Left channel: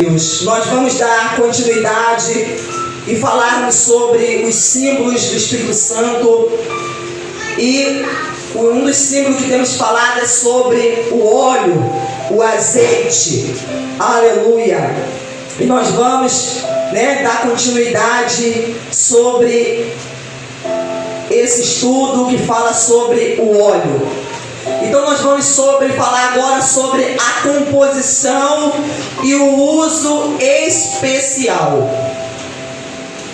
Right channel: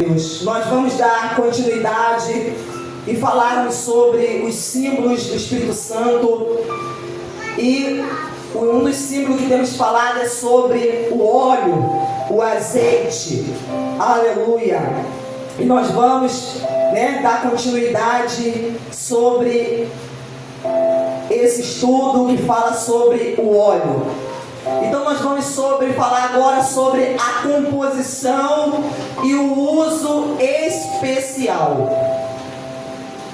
Nós vamos dar continuidade e falarmos sobre os símbolos do Espírito Santo. E um dos símbolos que temos falado é sobre o óleo, o azeite. Aleluia! E nós vamos dar continuidade sobre esse estudo que fala sobre o óleo. Então nós vamos falar agora sobre a composição e o uso especial.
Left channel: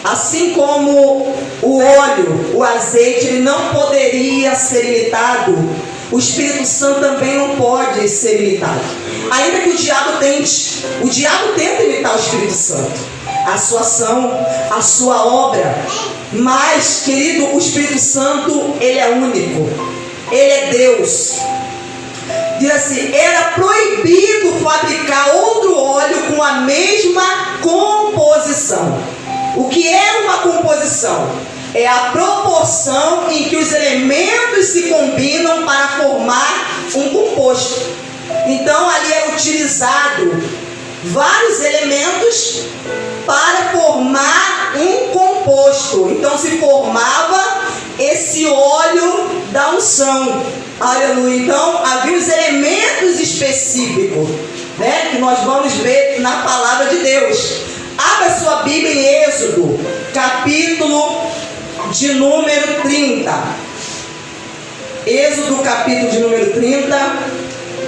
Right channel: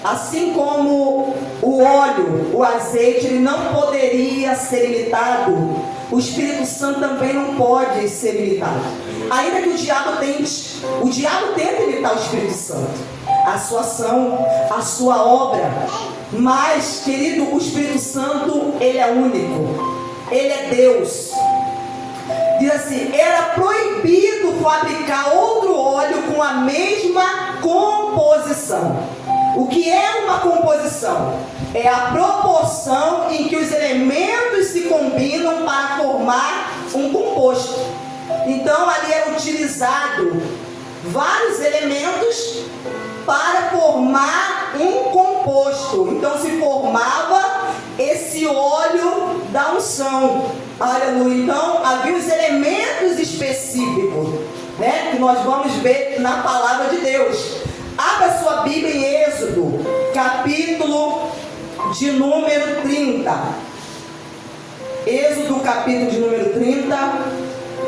Assim como o óleo, o azeite, ele não poderia ser imitado, o Espírito Santo também não pode ser imitado. Ainda que o diabo tenta imitar o Espírito Santo, a sua ação, a sua obra. Mas, querido, o Espírito Santo, ele é único. Ele é Deus. Diz assim: era proibido fabricar outro óleo com a mesma composição. O que é uma composição? É a proporção em que os elementos se combinam para formar um composto. Então ali é utilizado vários elementos para formar um composto. Então se formava esse óleo da unção. Aleluia. Então havia os elementos específicos, que nós vamos ver na palavra de Deus. Abra sua Bíblia em Êxodo, capítulo de número 30. Êxodo, capítulo de número 30,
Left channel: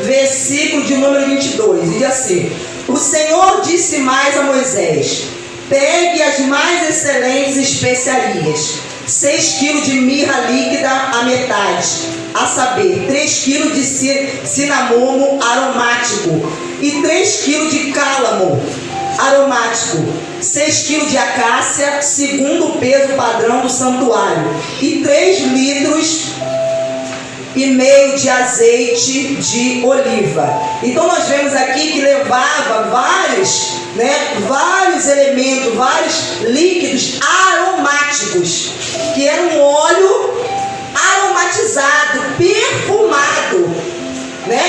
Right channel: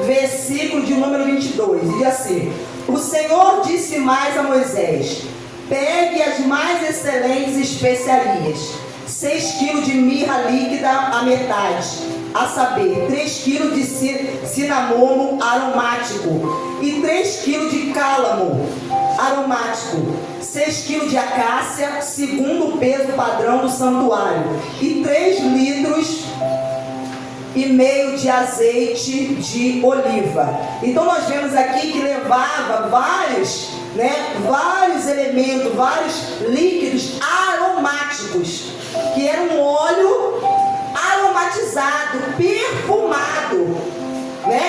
versículo de número 22. Diz assim: o Senhor disse mais a Moisés: pegue as mais excelentes especiarias, 6 quilos de mirra líquida a metade, a saber, 3 quilos de cinamomo aromático e 3 quilos de cálamo aromático, 6 quilos de acácia, segundo o peso padrão do santuário, e 3 litros e meio de azeite de oliva. Então nós vemos aqui que levava vários elementos, vários líquidos aromáticos, que era um óleo aromatizado, perfumado,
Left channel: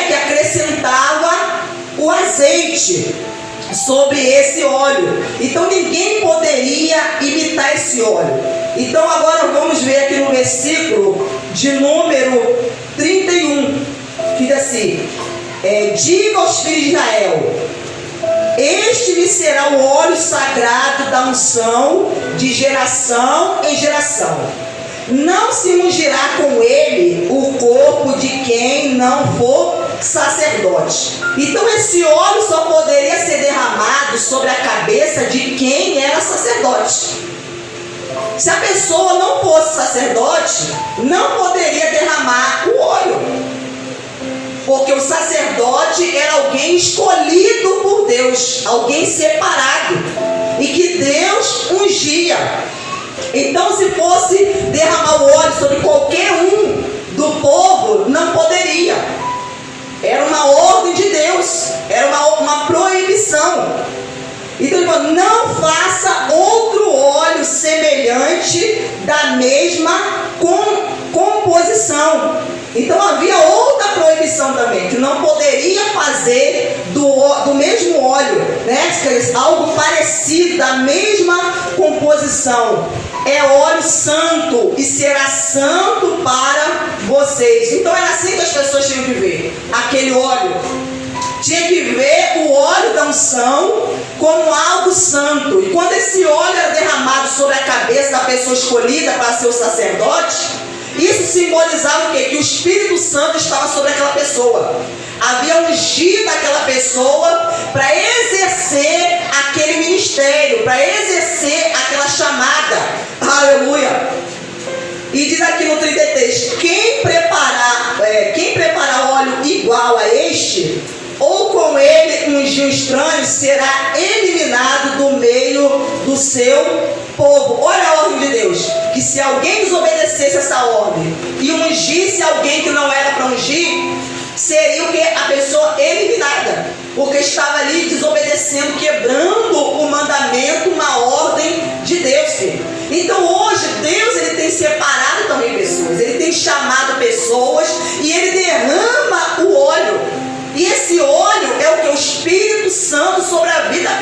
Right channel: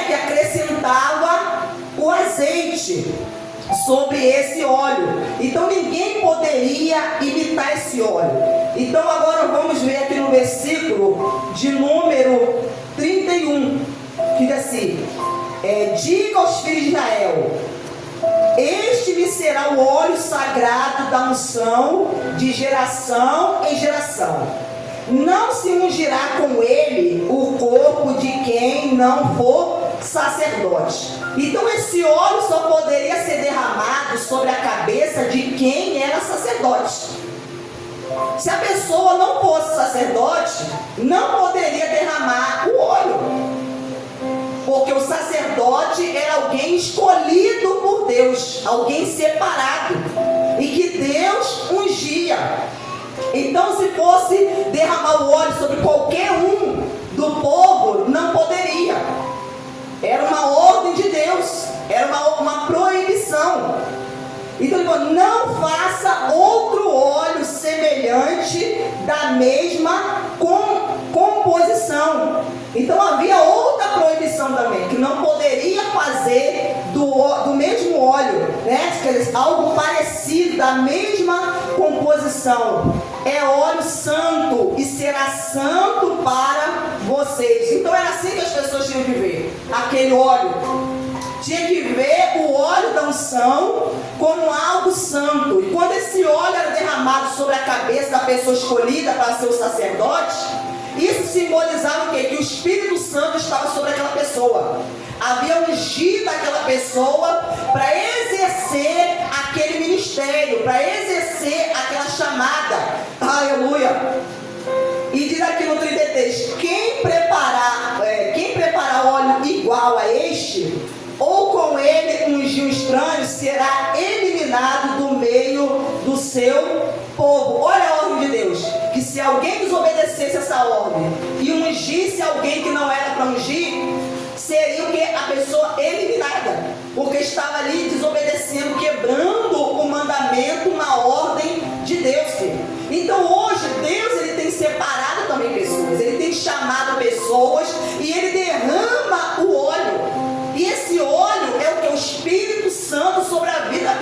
que acrescentava o azeite sobre esse óleo. Então ninguém poderia imitar esse óleo. Então agora vamos ver aqui no versículo de número 31, que diz assim: diga aos filhos de Israel: este lhe será o óleo sagrado da unção de geração em geração. Não se ungirá com ele o corpo de quem não for sacerdote. Então esse óleo só poderia ser derramado sobre a cabeça de quem era sacerdote. Se a pessoa não fosse sacerdote, não poderia derramar o óleo, porque o sacerdote era alguém escolhido por Deus, alguém separado, e que Deus ungia. Então se fosse derramar o óleo sobre qualquer um do povo, não poderia. Era uma ordem de Deus, era uma proibição. Então ele falou: não faça outro óleo semelhante da mesma composição. Então havia outra proibição também, que não poderia fazer do mesmo óleo, algo parecido, da mesma composição. É óleo santo e será santo para vocês. Então era assim que as pessoas tinham que ver aquele óleo. Tinha que ver o óleo da unção como algo santo. E quando esse óleo era derramado sobre a cabeça da pessoa escolhida para ser o sacerdote, isso simbolizava o quê? Que o Espírito Santo estava sobre aquela pessoa. Havia ungido aquela pessoa para exercer aquele ministério, para exercer aquela chamada. Aleluia! E diz aqui no 33: quem preparar óleo igual a este, ou com ele ungir um estranho, será eliminado do meio do seu povo. Olha a ordem de Deus: que se alguém desobedecesse essa ordem e ungisse alguém que não era para ungir, seria o que? A pessoa eliminada, porque estava ali desobedecendo, quebrando o mandamento, uma ordem de Deus, filho. Então hoje Deus, ele tem separado também pessoas, ele tem chamado pessoas e ele derrama o óleo. E esse óleo é o que? O Espírito Santo sobre a vida da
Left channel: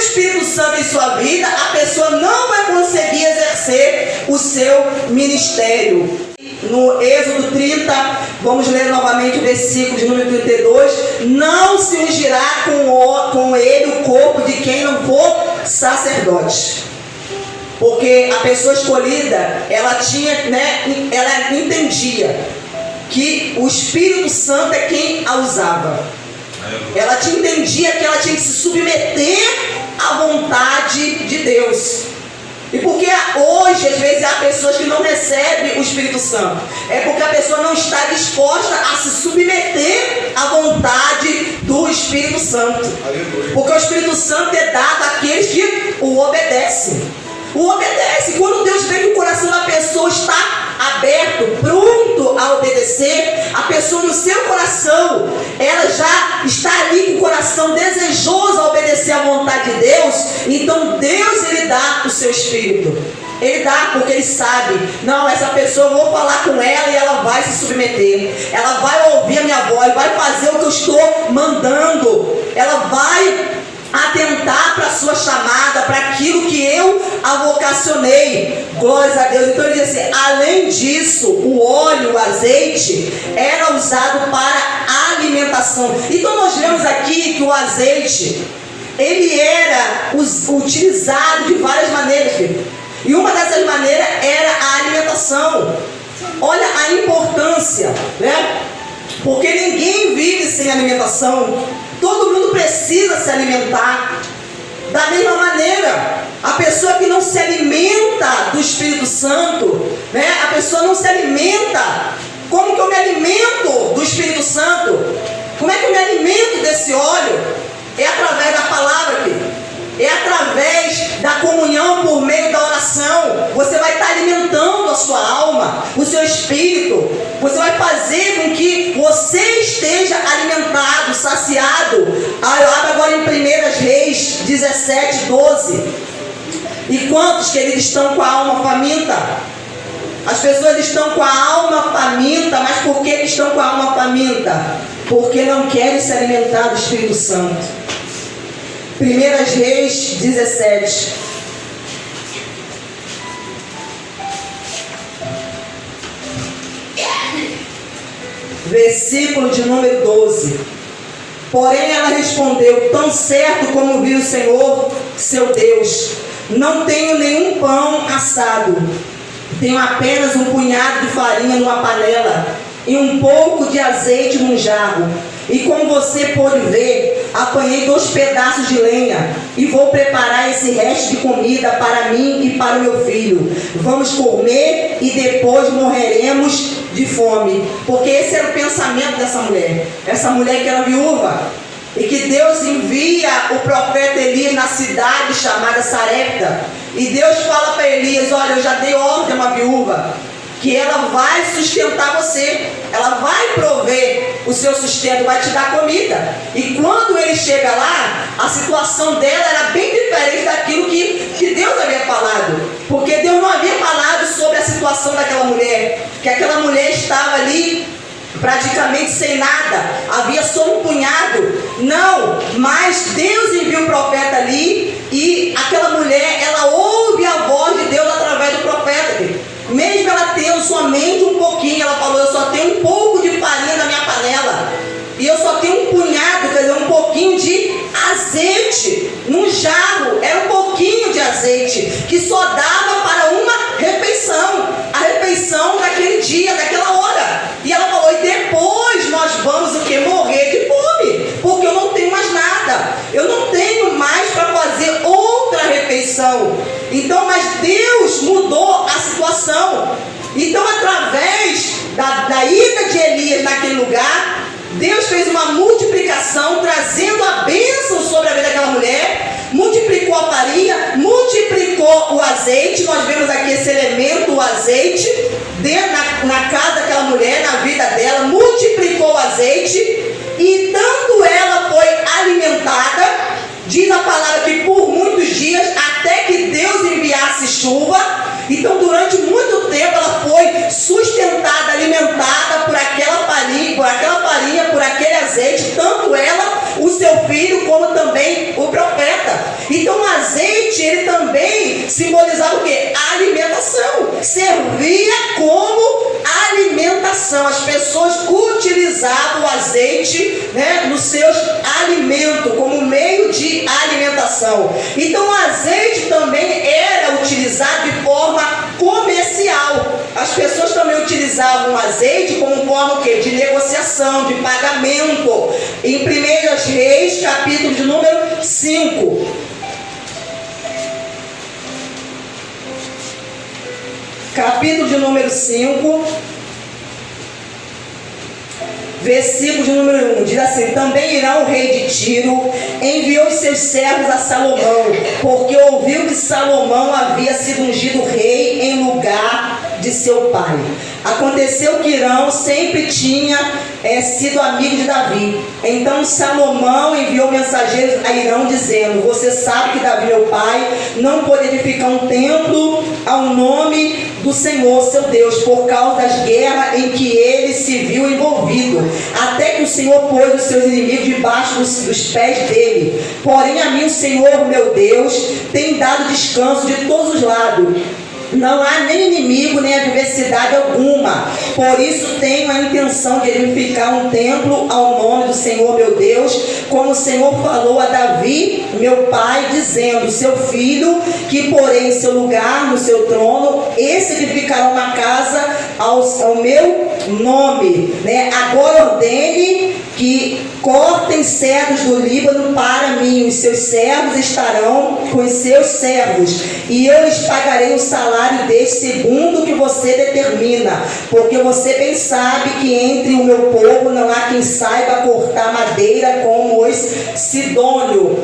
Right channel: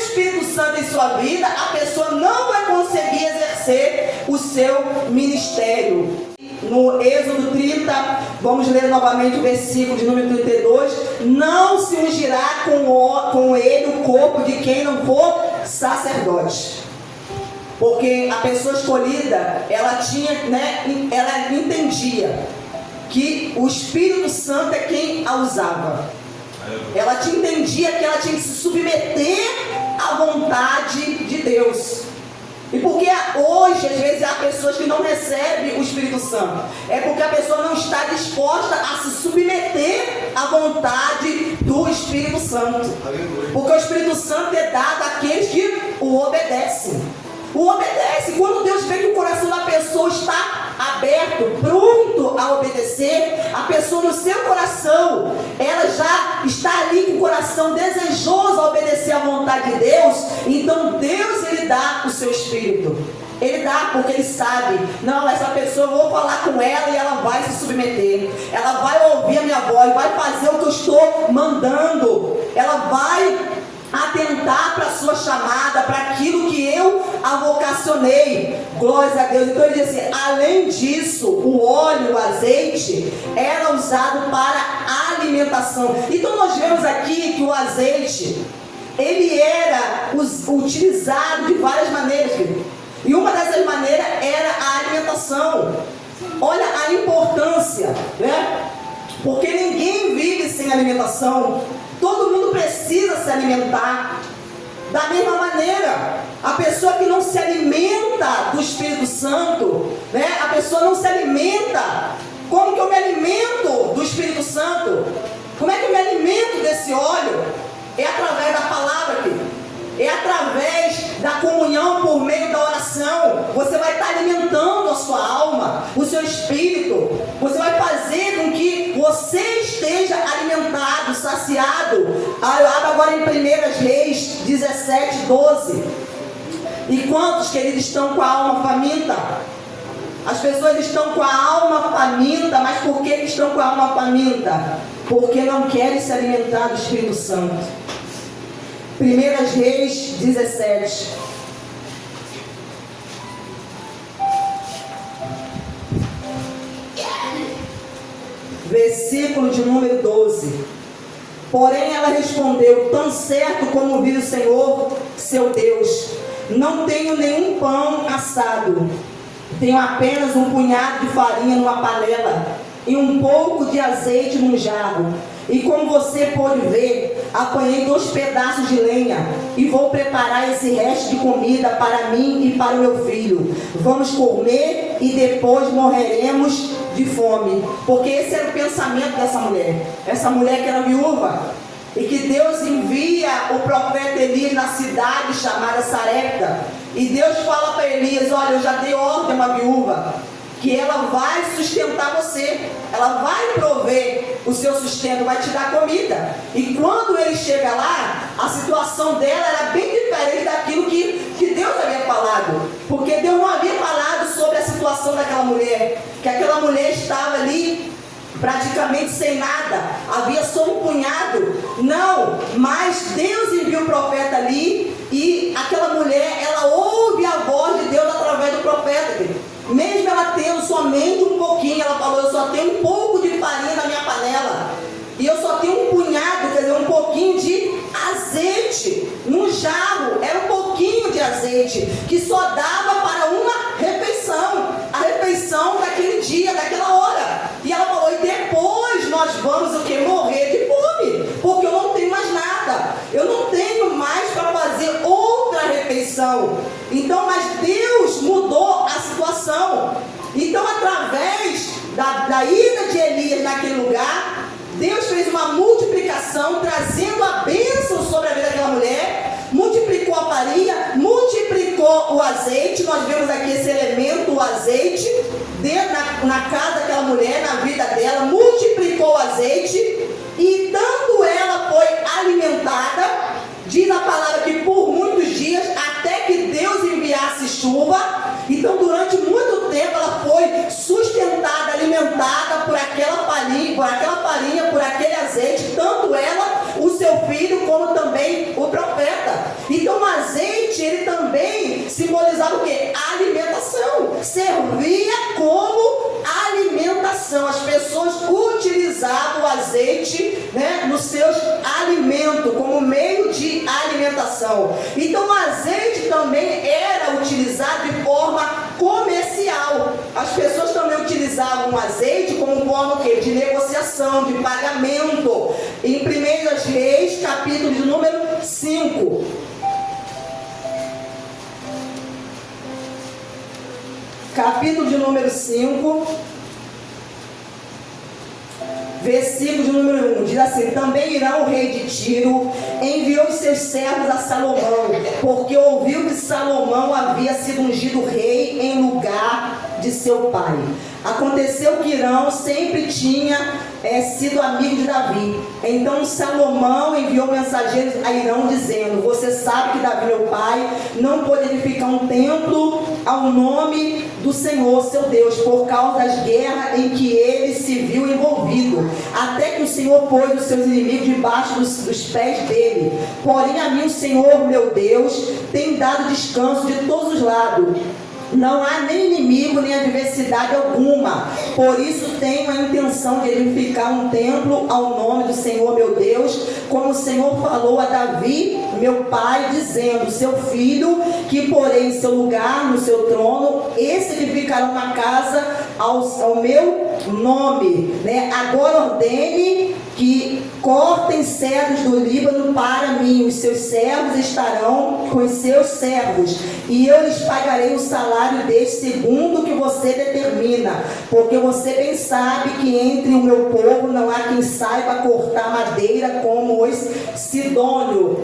Espírito Santo em sua vida, a pessoa não vai conseguir exercer o seu ministério. No Êxodo 30, vamos ler novamente o versículo de número 32. Não se ungirá com ele o corpo de quem não for sacerdote. Porque a pessoa escolhida, ela entendia que o Espírito Santo é quem a usava. Ela entendia que ela tinha que se submeter à vontade de Deus. E porque hoje, às vezes, há pessoas que não recebem o Espírito Santo. É porque a pessoa não está disposta a se submeter à vontade do Espírito Santo. Porque o Espírito Santo é dado àqueles que o obedecem. O obedece. Quando Deus vê que o coração da pessoa está aberto, pronto a obedecer, a pessoa no seu coração, ela já está ali com o coração desejoso a obedecer à vontade de Deus. Então Deus, ele dá o seu Espírito. Ele dá porque ele sabe, não, essa pessoa eu vou falar com ela e ela vai se submeter, ela vai ouvir a minha voz, vai fazer o que eu estou mandando, ela vai atentar para a sua chamada, para aquilo que eu a vocacionei. Glórias a Deus. Então ele diz assim: além disso, o óleo, o azeite era usado para alimentação. Então nós vemos aqui que o azeite, ele era utilizado de várias maneiras, filho. E uma dessas maneiras era a alimentação. Olha a importância, né? Porque ninguém vive sem alimentação. Todo mundo precisa se alimentar. Da mesma maneira, a pessoa que não se alimenta do Espírito Santo, né? A pessoa não se alimenta. Como que eu me alimento do Espírito Santo? Como é que eu me alimento desse óleo? É através da palavra, querido. É através da comunhão por meio da oração. Você vai estar alimentando a sua alma, o seu espírito. Você vai fazer com que você esteja alimentado, saciado. Abra agora em 1 Reis 17, 12. E quantos, queridos, estão com a alma faminta? As pessoas estão com a alma faminta, mas por que estão com a alma faminta? Porque não querem se alimentar do Espírito Santo. 1 Reis 17. Versículo de número 12. Porém ela respondeu: tão certo como viu o Senhor, seu Deus, não tenho nenhum pão assado. Tenho apenas um punhado de farinha numa panela e um pouco de azeite num jarro. E como você pode ver, apanhei 2 pedaços de lenha e vou preparar esse resto de comida para mim e para o meu filho. Vamos comer e depois morreremos de fome. Porque esse era o pensamento dessa mulher. Essa mulher que era viúva. E que Deus envia o profeta Elias na cidade chamada Sarepta. E Deus fala para Elias: olha, eu já dei ordem a uma viúva que ela vai sustentar você, ela vai prover o seu sustento, vai te dar comida. E quando ele chega lá, a situação dela era bem diferente daquilo que Deus havia falado. Porque Deus não havia falado sobre a situação daquela mulher, que aquela mulher estava ali praticamente sem nada, havia só um punhado. Não, mas Deus enviou o profeta ali, e aquela mulher, ela ouve a voz de Deus através do profeta. Mesmo ela tendo somente um pouquinho, ela falou: eu só tenho um pouco de farinha na minha panela, e eu só tenho um punhado, quer dizer, um pouquinho de azeite num jarro. Era um pouquinho de azeite que só dava para uma refeição, a refeição daquele dia, daquela hora. E ela falou: e depois nós vamos o que? Morrer de fome, porque eu não tenho mais nada, eu não tenho mais para fazer outra refeição. Então, mas Deus mudou a situação. Então, através da ida de Elias naquele lugar, Deus fez uma multiplicação, trazendo a bênção sobre a vida daquela mulher. Multiplicou a farinha, multiplicou o azeite. Nós vemos aqui esse elemento, o azeite, na casa daquela mulher, na vida dela. Multiplicou o azeite, e tanto ela foi alimentada, diz a palavra que por muitos dias, até que Deus enviasse chuva. Então durante muito tempo ela foi sustentada, alimentada por aquela farinha, por aquele azeite, tanto ela, o seu filho, como também o profeta. Então azeite, ele também simbolizava o quê? Alimentação. Servia como alimentação. As pessoas utilizavam o azeite, né, nos seus alimentos, como meio de alimentação. Então o azeite também era utilizado de forma comercial. As pessoas também utilizavam o azeite como forma o quê? De negociação, de pagamento. Em 1 Reis, capítulo de número 5. Capítulo de número 5, versículo de número 1, diz assim: também Irão, o rei de Tiro, enviou os seus servos a Salomão, porque ouviu que Salomão havia sido ungido rei em lugar de seu pai. Aconteceu que Irão sempre tinha sido amigo de Davi. Então Salomão enviou mensageiros a Irão dizendo: você sabe que Davi, meu pai, não pôde edificar um templo ao nome do Senhor, seu Deus, por causa das guerras em que ele se viu envolvido, até que o Senhor pôs os seus inimigos debaixo dos pés dele. Porém a mim o Senhor, meu Deus, tem dado descanso de todos os lados. Não há nem inimigo, nem adversidade alguma. Por isso tenho a intenção de edificar um templo ao nome do Senhor, meu Deus, como o Senhor falou a Davi, meu pai, dizendo: seu filho, que porém em seu lugar, no seu trono, esse edificará uma casa ao meu nome, né? Agora ordene que cortem cedros do Líbano para mim, os seus servos estarão com os seus servos, e eu lhes pagarei o salário deles segundo o que você determina, porque você bem sabe que entre o meu povo não há quem saiba cortar madeira como os sidônios.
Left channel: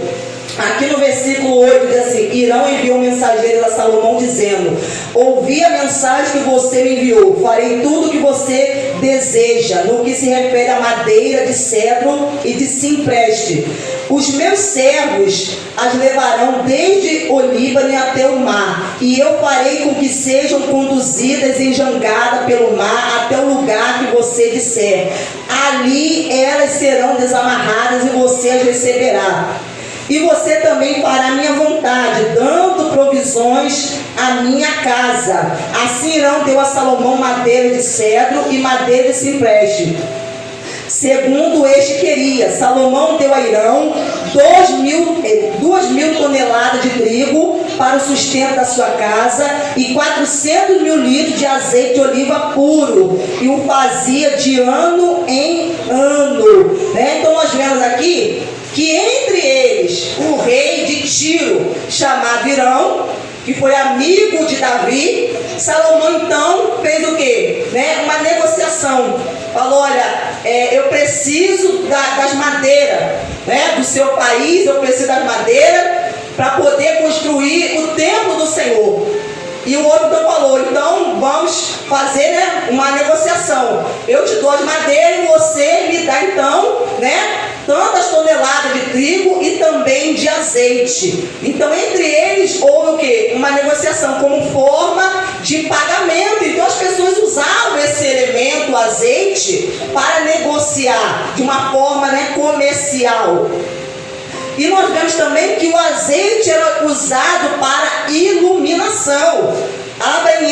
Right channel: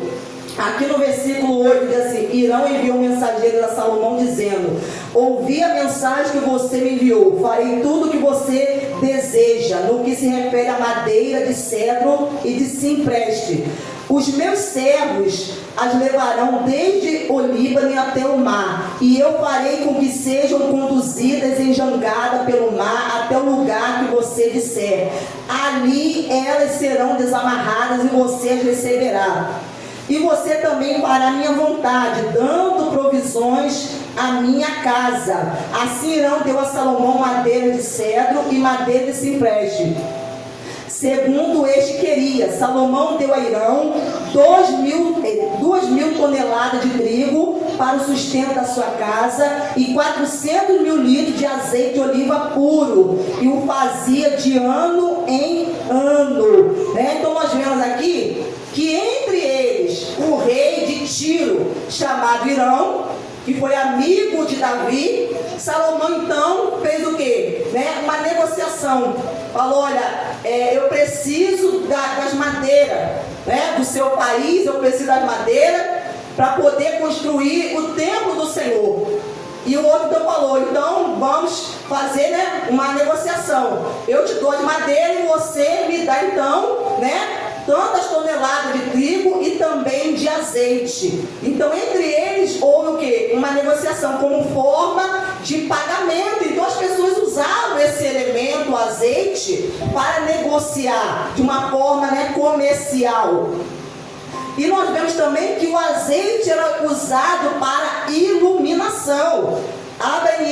Aqui no versículo 8 diz assim: Irão enviou mensageiros a Salomão dizendo: ouvi a mensagem que você me enviou, farei tudo o que você deseja, no que se refere a madeira de cedro e de cipreste. Os meus servos as levarão desde o Líbano até o mar, e eu farei com que sejam conduzidas em jangada pelo mar até o lugar que você disser. Ali elas serão desamarradas e você as receberá. E você também fará minha vontade, dando provisões à minha casa. Assim Irão deu a Salomão madeira de cedro e madeira de cipreste, segundo este queria. Salomão deu a Irão 2.000 toneladas de trigo para o sustento da sua casa e 400 mil litros de azeite de oliva puro, e o fazia de ano em ano, né? Então nós vemos aqui que entre eles o rei de Tiro, chamado Irão, que foi amigo de Davi, Salomão então fez o quê? Né? Uma negociação. Falou: olha, eu preciso das madeiras, né, do seu país, eu preciso das madeiras para poder construir o templo do Senhor. E o outro então falou: então vamos fazer, né, uma negociação. Eu te dou as madeiras e você me dá então, né, tantas toneladas de trigo e também de azeite. Então entre eles houve o quê? Uma negociação como forma de pagamento. Então as pessoas usavam esse elemento, o azeite, para negociar de uma forma, né, comercial. E nós vemos também que o azeite era usado para iluminação. Abra em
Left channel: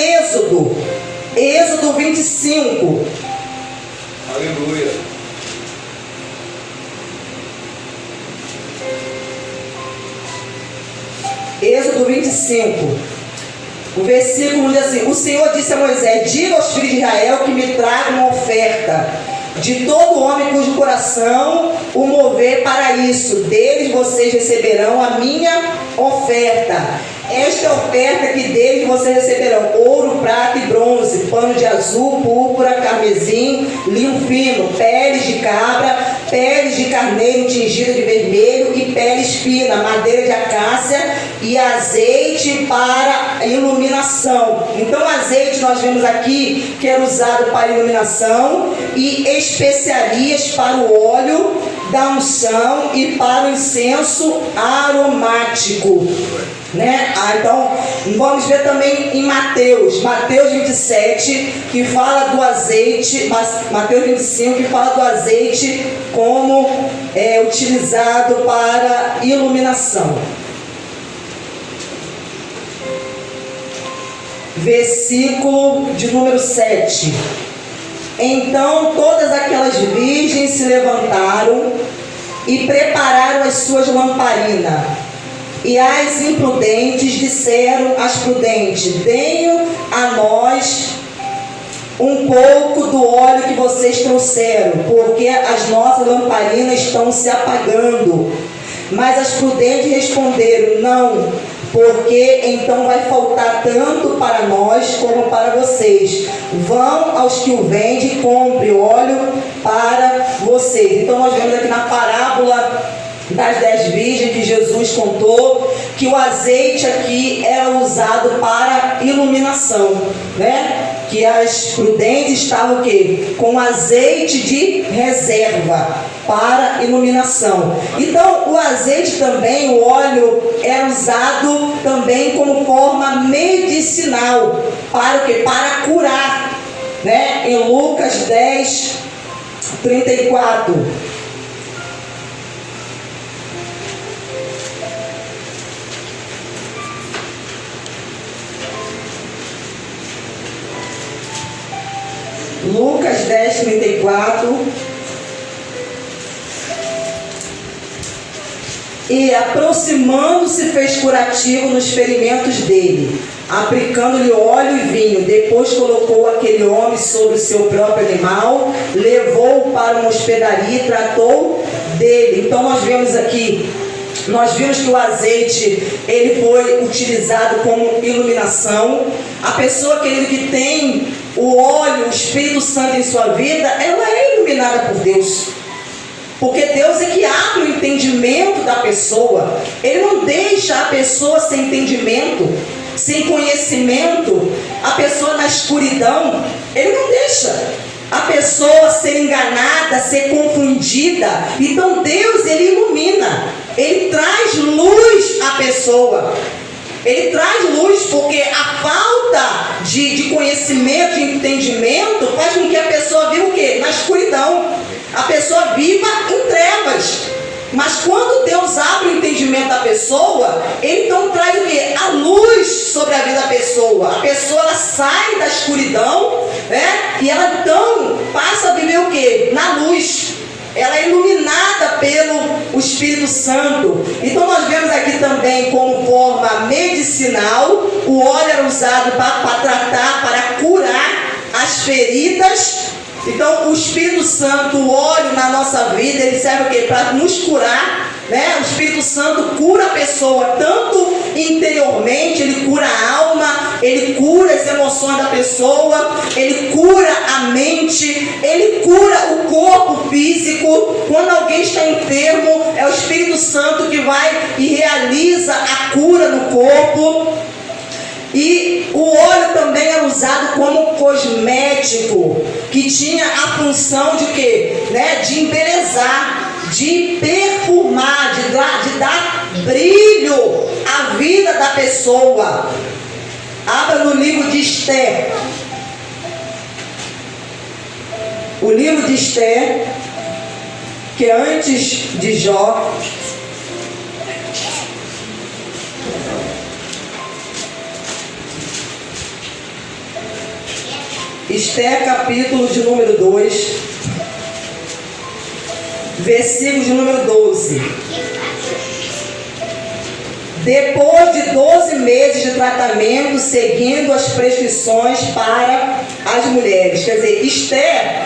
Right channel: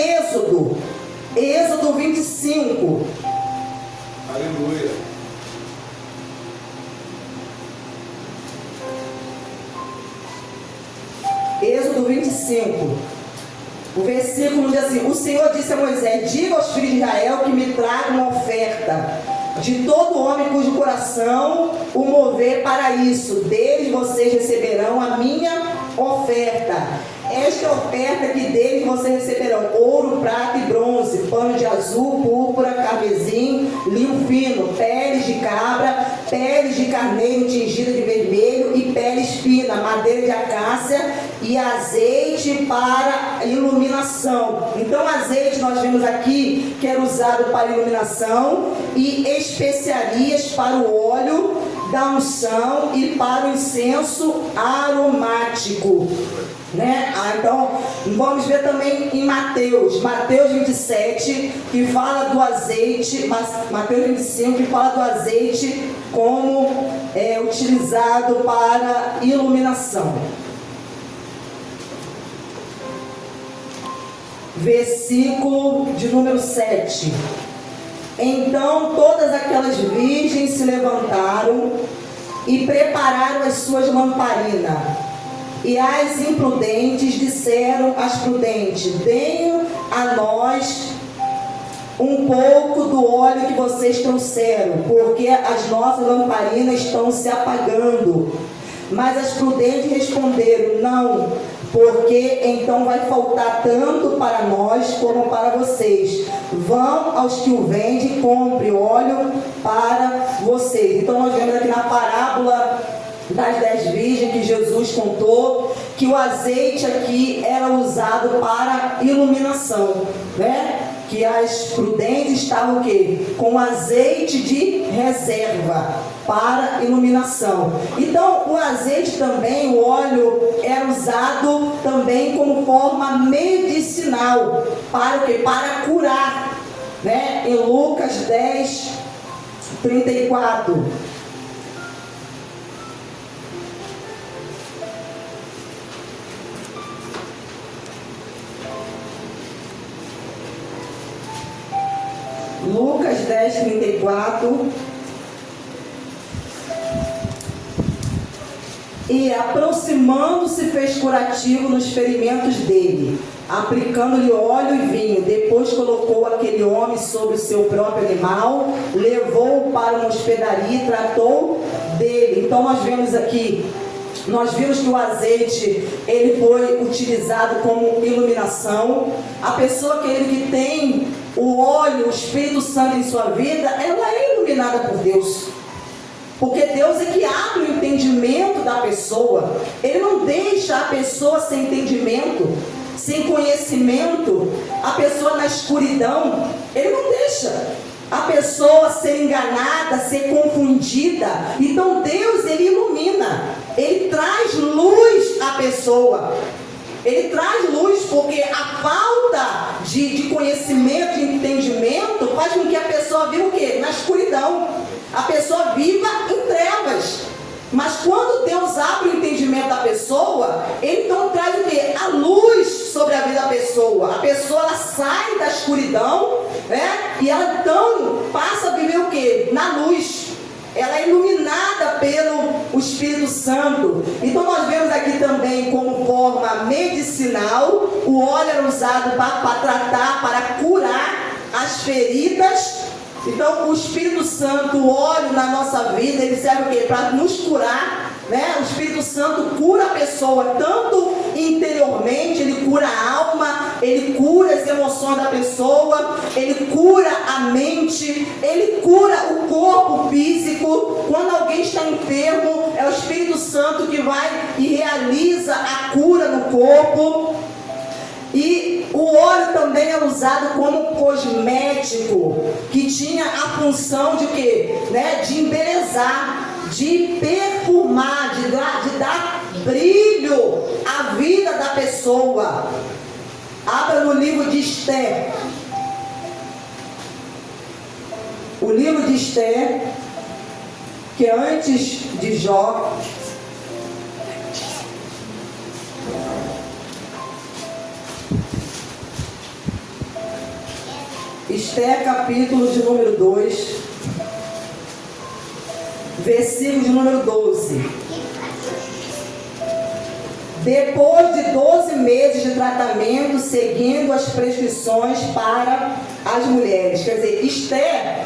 Êxodo 25. Aleluia. Êxodo 25. O versículo diz assim: o Senhor disse a Moisés: diga aos filhos de Israel que me tragam uma oferta de todo homem cujo coração o mover para isso. Deles vocês receberão a minha oferta. Esta é a oferta que deles vocês receberão: ouro, prata e bronze, pano de azul, púrpura, carmesim, linho fino, peles de cabra, peles de carneiro tingida de vermelho e pele fina, madeira de acácia e azeite para iluminação. Então azeite nós vemos aqui que era usado para iluminação, e especiarias para o óleo da unção e para o incenso aromático, né? Então vamos ver também em Mateus 27, que fala do azeite, Mateus 25, que fala do azeite como utilizado para iluminação. versículo de número 7. Então todas aquelas virgens se levantaram e prepararam as suas lamparinas. E as imprudentes disseram às prudentes: deem a nós um pouco do óleo que vocês trouxeram, porque as nossas lamparinas estão se apagando. Mas as prudentes responderam: não, porque então vai faltar tanto para nós como para vocês. Vão aos que o vendem e compre óleo para vocês. Então nós vemos aqui na parábola das 10 virgens que Jesus contou que o azeite aqui era usado para iluminação, né? Que as prudentes estavam o quê? Com azeite de reserva para iluminação. Então o azeite também, o óleo, é usado também como forma medicinal. Para o quê? Para curar, né? Em Lucas 10, 34. Lucas 10, 34. E aproximando-se fez curativo nos ferimentos dele, aplicando-lhe óleo e vinho. Depois colocou aquele homem sobre o seu próprio animal, levou-o para uma hospedaria e tratou dele. Então nós vimos que o azeite ele foi utilizado como iluminação. A pessoa, querido, que tem o óleo, o Espírito Santo em sua vida, ela é iluminada por Deus. Porque Deus é que abre o entendimento da pessoa. Ele não deixa a pessoa sem entendimento, sem conhecimento, a pessoa na escuridão. Ele não deixa a pessoa ser enganada, ser confundida. Então Deus, ele ilumina, ele traz luz à pessoa. Ele traz luz, porque a falta de conhecimento, de entendimento, faz com que a pessoa viva o quê? Na escuridão. A pessoa viva em trevas. Mas quando Deus abre o entendimento da pessoa, ele então traz o quê? A luz sobre a vida da pessoa. A pessoa, ela sai da escuridão, né? E ela então passa a viver o quê? Na luz. Ela é iluminada pelo Espírito Santo. Então nós vemos aqui também como forma medicinal. O óleo era usado para tratar, para curar as feridas. Então o Espírito Santo, o óleo na nossa vida, ele serve o quê? Para nos curar, né? O Espírito Santo cura a pessoa, tanto interiormente, ele cura a alma, ele cura as emoções da pessoa, ele cura a mente, ele cura o corpo físico. Quando alguém está enfermo, é o Espírito Santo que vai e realiza a cura no corpo. E o óleo também é usado como cosmético, que tinha a função de quê? Né? De embelezar, de perfumar, de dar brilho à vida da pessoa. Abra no livro de Esther. O livro de Esther, que é antes de Jó. Esther, capítulo de número 2, versículo de número 12. Depois de 12 meses de tratamento, seguindo as prescrições para as mulheres. Quer dizer, Esther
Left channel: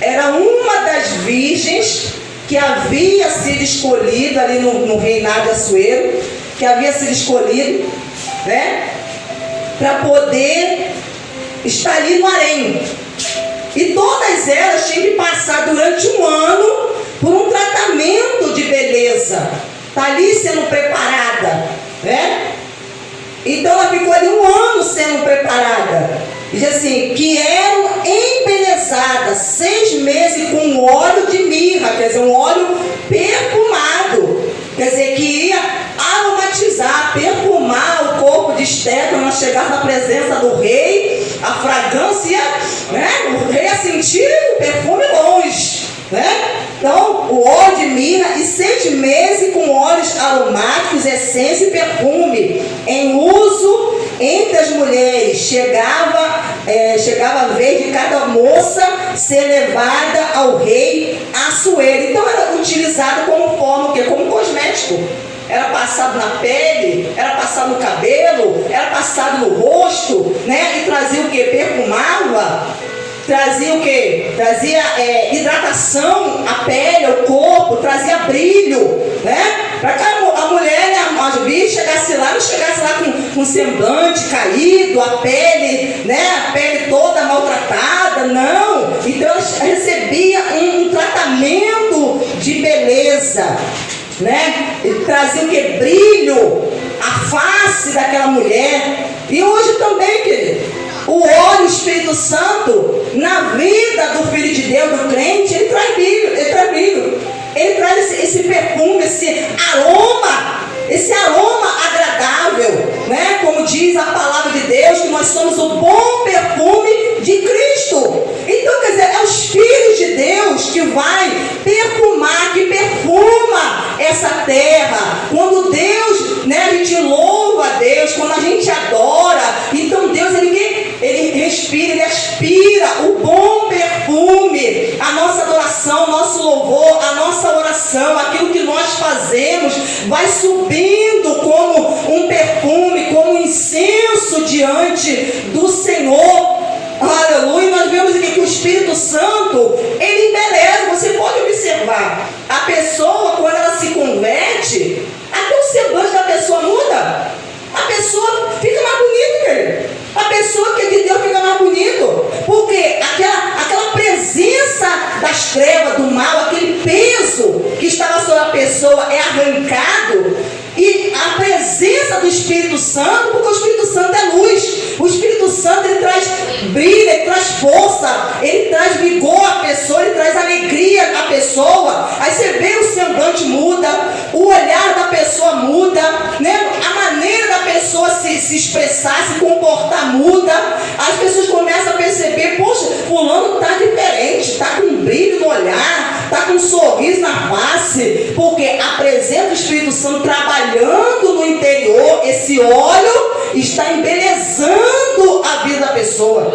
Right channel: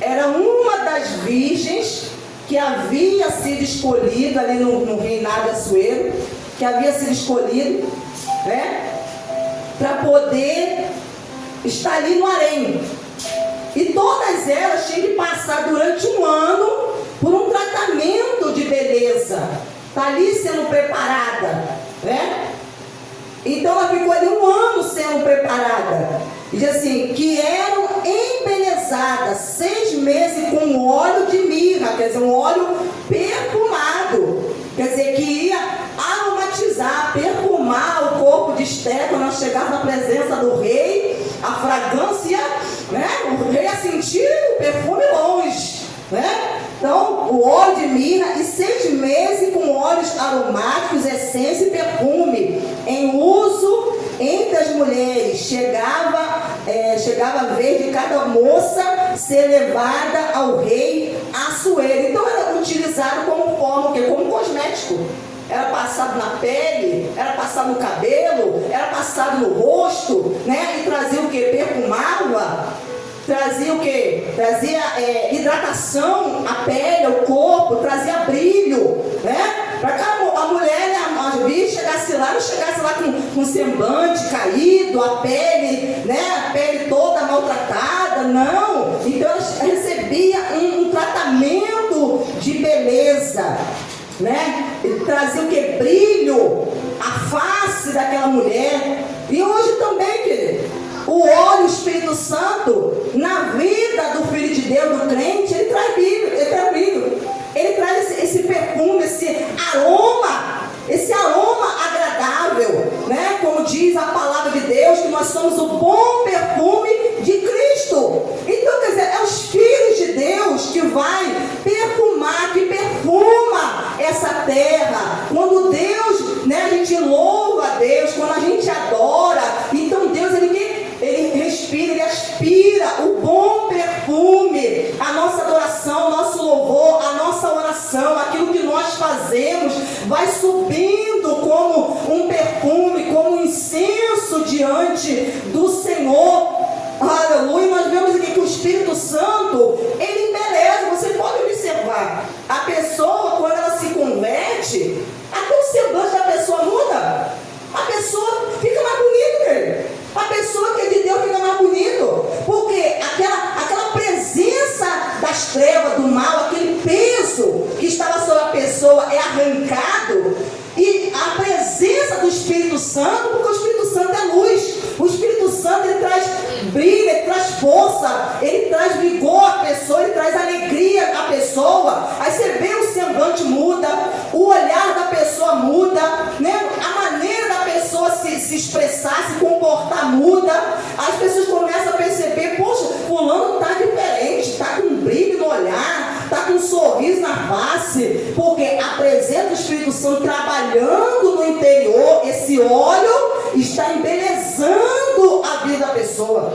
era uma das virgens que havia sido escolhida ali no reinado Assuero, que havia sido escolhido, né, para poder está ali no harém. E todas elas tinham que passar durante um ano por um tratamento de beleza. Está ali sendo preparada, né? Então ela ficou ali um ano sendo preparada. Diz assim, que eram embelezadas 6 meses com óleo de mirra, quer dizer, um óleo perfumado. Quer dizer, que ia aromatizar, perfumar o corpo de Esther quando ela chegar na presença do rei. A fragrância, né? O rei ia sentir o perfume longe, né? Então, o óleo de mirra e 6 meses com óleos aromáticos, essência e perfume, em uso entre as mulheres. chegava a vez de cada moça ser levada ao rei Assuero. Então era utilizado como forma, como cosmético. Era passado na pele, era passado no cabelo, era passado no rosto, né? E trazia o que? Perfumava. Trazia o que? Trazia hidratação à pele, ao corpo, trazia brilho, né? Para que a mulher, a Jubi, chegasse lá, não chegasse lá com um semblante caído, a pele, né? A pele toda maltratada, não. Então ela recebia um tratamento de beleza, né? E trazia o que? Brilho, a face daquela mulher. E hoje também, querido, o óleo, o Espírito Santo, na vida do Filho de Deus, do crente, ele traz brilho, ele traz esse perfume, esse aroma agradável, né? Como diz a palavra de Deus, que nós somos o bom perfume de Cristo. Então, quer dizer, é os filhos de Deus que vai perfumar, que perfuma essa terra. Quando Deus, né, a gente louva a Deus, quando a gente adora, então Deus, ele respira, ele aspira o bom perfume, a nossa adoração, o nosso louvor, a nossa oração, aquilo que nós fazemos, vai subindo como um perfume, como um incenso diante do Senhor. Aleluia. Nós vemos aqui que o Espírito Santo, ele embeleza. Você pode observar, a pessoa, quando ela se converte, até o semblante da pessoa muda. A pessoa fica mais bonita, querido. A pessoa que é de Deus fica mais bonito, porque aquela presença das trevas, do mal, aquele peso que estava sobre a pessoa é arrancado, e a presença do Espírito Santo, porque o Espírito Santo é luz, o Espírito Santo, ele traz brilho, ele traz força, ele traz vigor à pessoa, ele traz alegria à pessoa. Aí você vê, o semblante muda, o olhar da pessoa muda, né? A maneira da pessoa se expressar, se comportar muda. As pessoas começam a perceber, poxa, fulano está diferente, está com brilho no olhar, está com um sorriso na face, porque a presença do Espírito Santo trabalhando no interior, esse óleo está embelezando a vida da pessoa.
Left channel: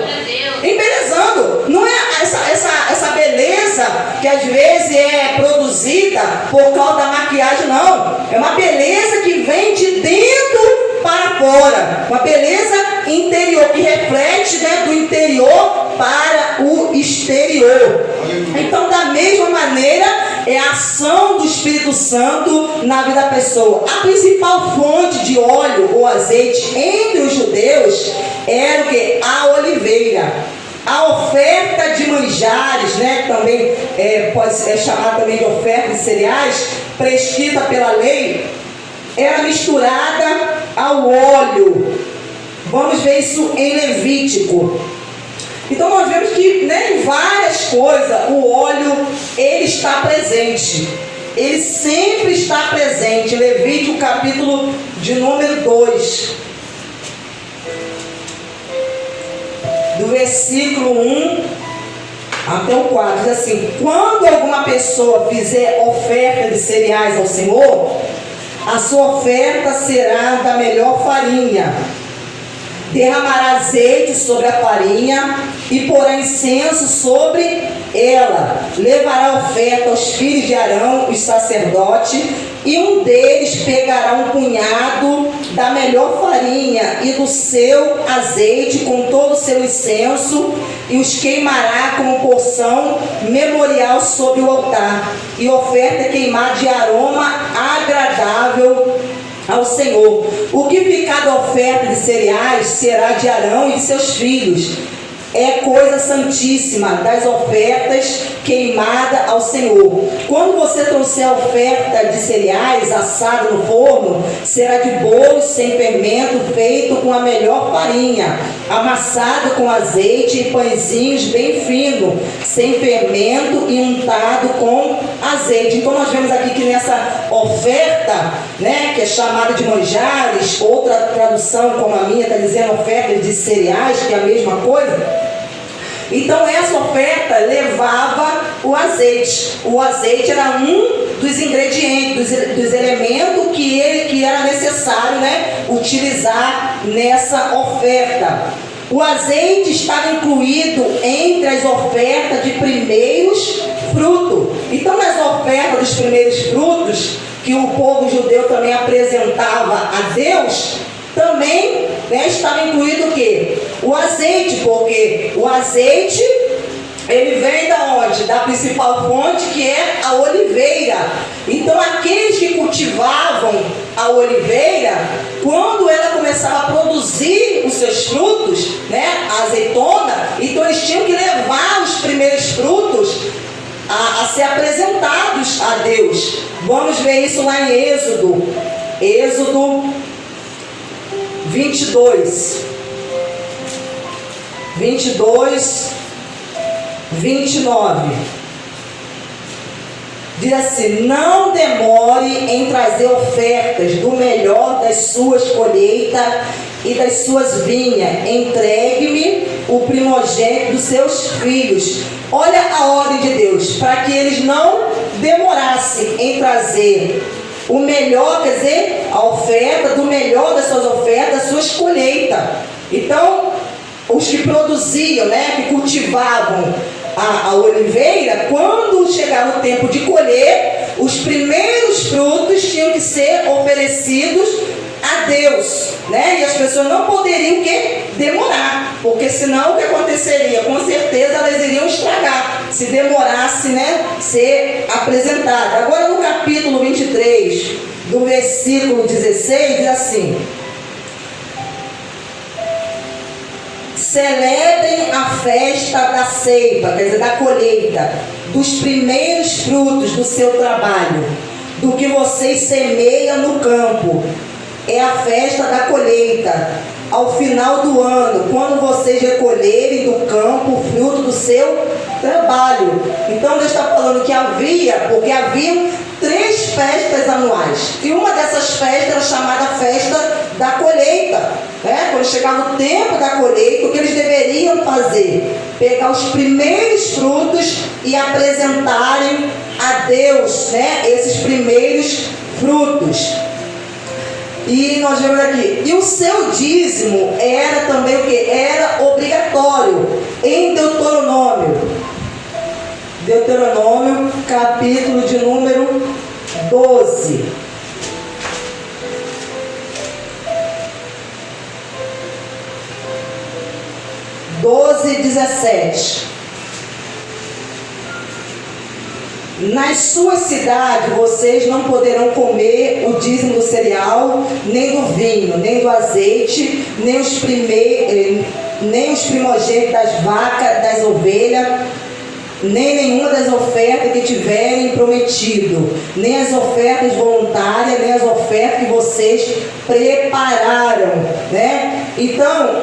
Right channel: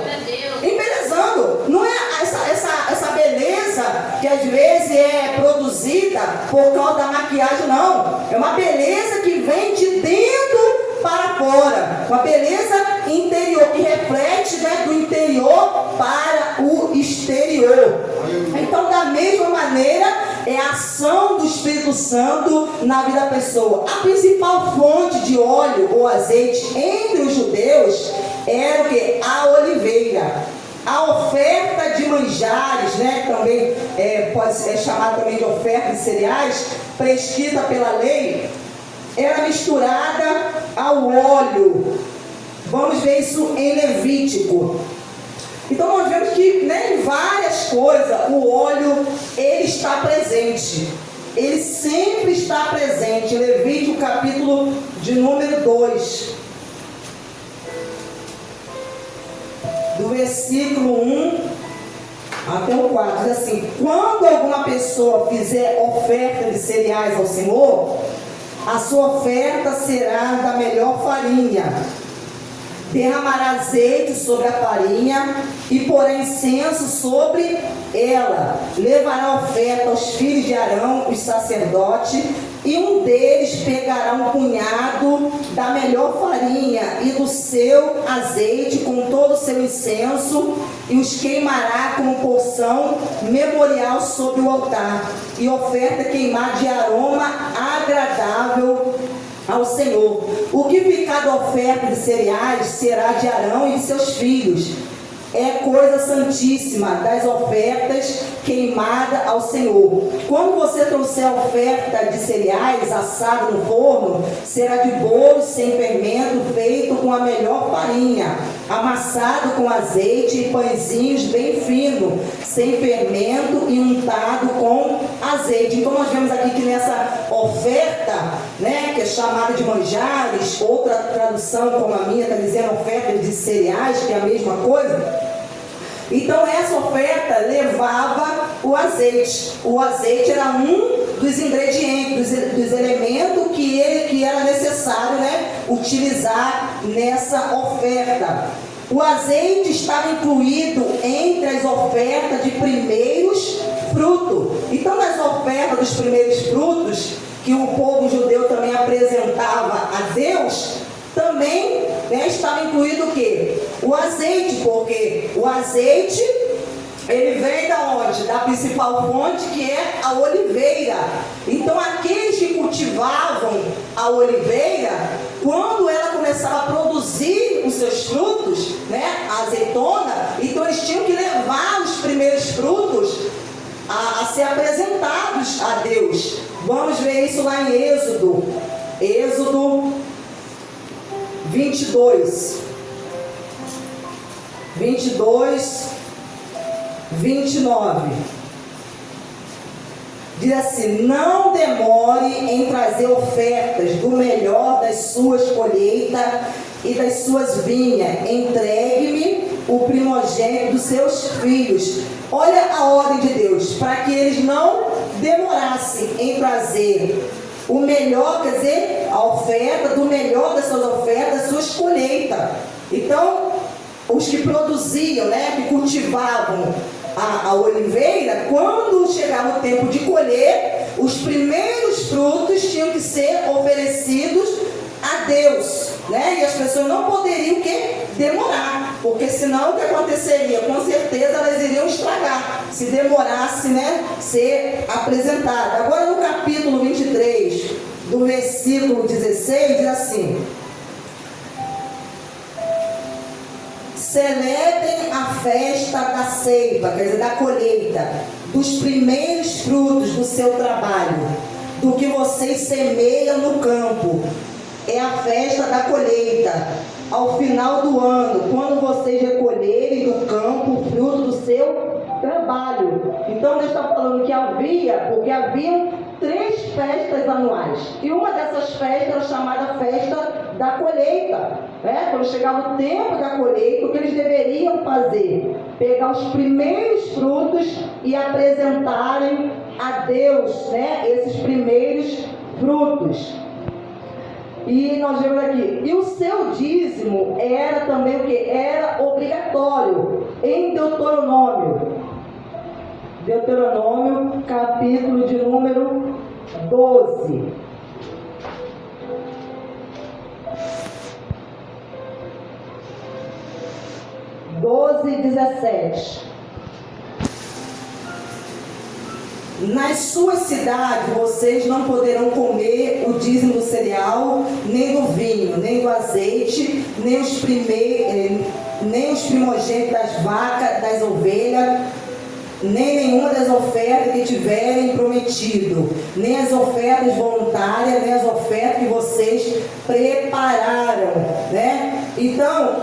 Embelezando. Não é essa beleza que às vezes é produzida por causa da maquiagem, não. É uma beleza que vem de dentro para fora. Uma beleza interior, que reflete, né, do interior para o exterior. Então, da mesma maneira, é a ação do Espírito Santo na vida da pessoa. A principal fonte de óleo ou azeite entre os judeus era o que? A oliveira. A oferta de manjares, né, também pode ser chamada também de oferta de cereais, prescrita pela lei, era misturada ao óleo. Vamos ver isso em Levítico. Então nós vemos que, né, em várias coisas o óleo, ele está presente. Ele sempre está presente. Levítico capítulo de número 2. Do versículo 1 até o 4. Diz assim: quando alguma pessoa fizer oferta de cereais ao Senhor, a sua oferta será da melhor farinha. Derramará azeite sobre a farinha e porá incenso sobre ela. Levará a oferta aos filhos de Arão, os sacerdotes, e um deles pegará um punhado da melhor farinha e do seu azeite com todo o seu incenso e os queimará como porção memorial sobre o altar, e oferta queimada de aroma agradável ao Senhor. O que ficar da oferta de cereais será de Arão e de seus filhos. É coisa santíssima das ofertas queimada ao Senhor. Quando você trouxer a oferta de cereais assada no forno, será de bolos sem fermento, feito com a melhor farinha, amassado com azeite e pãezinhos bem finos, sem fermento e untado com azeite. Então nós vemos aqui que nessa oferta, né, que é chamada de manjares, outra tradução como a minha está dizendo oferta de cereais, que é a mesma coisa. Então essa oferta levava o azeite. O azeite era um dos ingredientes, dos elementos que era necessário, né, utilizar nessa oferta. O azeite estava incluído entre as ofertas de primeiros frutos. Então, nas ofertas dos primeiros frutos, que o povo judeu também apresentava a Deus, também, né, estava incluído o quê? O azeite, porque o azeite, ele vem da onde? Da principal fonte, que é a oliveira. Então, aqueles que cultivavam a oliveira, quando ela começava a produzir os seus frutos, né, a azeitona, então eles tinham que levar os primeiros frutos a ser apresentados a Deus. Vamos ver isso lá em Êxodo 22, 29. Diz assim: não demore em trazer ofertas do melhor das suas colheitas e das suas vinhas. Entregue-me o primogênito dos seus filhos. Olha a ordem de Deus, para que eles não demorassem em trazer o melhor, quer dizer, a oferta do melhor das suas ofertas, das suas colheitas. Então, os que produziam, né, que cultivavam a oliveira, quando chegava o tempo de colher, os primeiros frutos tinham que ser oferecidos a Deus, né? E as pessoas não poderiam o quê? Demorar, porque senão o que aconteceria? Com certeza elas iriam estragar, se demorasse, né, ser apresentada. Agora no capítulo 23, do versículo 16, diz assim: celebrem a festa da ceifa, quer dizer, da colheita, dos primeiros frutos do seu trabalho, do que vocês semeiam no campo. É a festa da colheita, ao final do ano, quando vocês recolherem do campo o fruto do seu trabalho. Então Deus está falando que porque haviam 3 festas anuais, e uma dessas festas era chamada festa da colheita, né? Quando chegava o tempo da colheita, o que eles deveriam fazer? Pegar os primeiros frutos e apresentarem a Deus, né, esses primeiros frutos. E nós vemos aqui, e o seu dízimo era também o que? Era obrigatório. Em Deuteronômio, capítulo de número 12. e 17. Nas suas cidades vocês não poderão comer o dízimo do cereal, nem do vinho, nem do azeite, nem os primogênitos das vacas, das ovelhas, nem nenhuma das ofertas que tiverem prometido, nem as ofertas voluntárias, nem as ofertas que vocês prepararam, né? Então,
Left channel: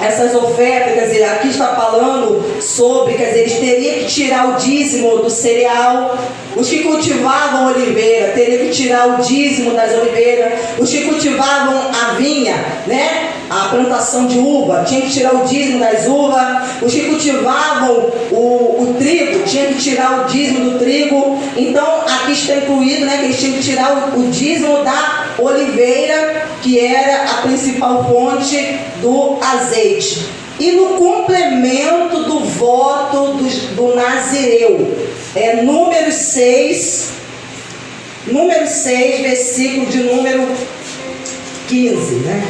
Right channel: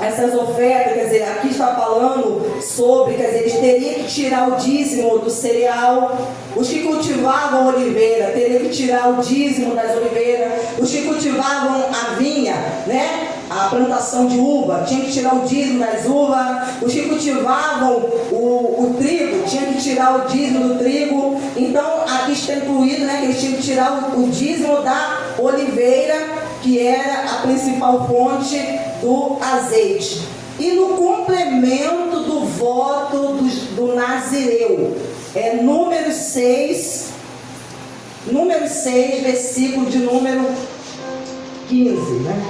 essas ofertas, quer dizer, aqui está falando sobre, quer dizer, eles teriam que tirar o dízimo do cereal. Os que cultivavam oliveira teriam que tirar o dízimo das oliveiras. Os que cultivavam a vinha, né, a plantação de uva, tinham que tirar o dízimo das uvas. Os que cultivavam o trigo, tinham que tirar o dízimo do trigo. Então, aqui está incluído, né, que eles tinham que tirar o dízimo da oliveira, que era a principal fonte do azeite. E no complemento do voto do Nazireu, número 6, versículo de número 15, né?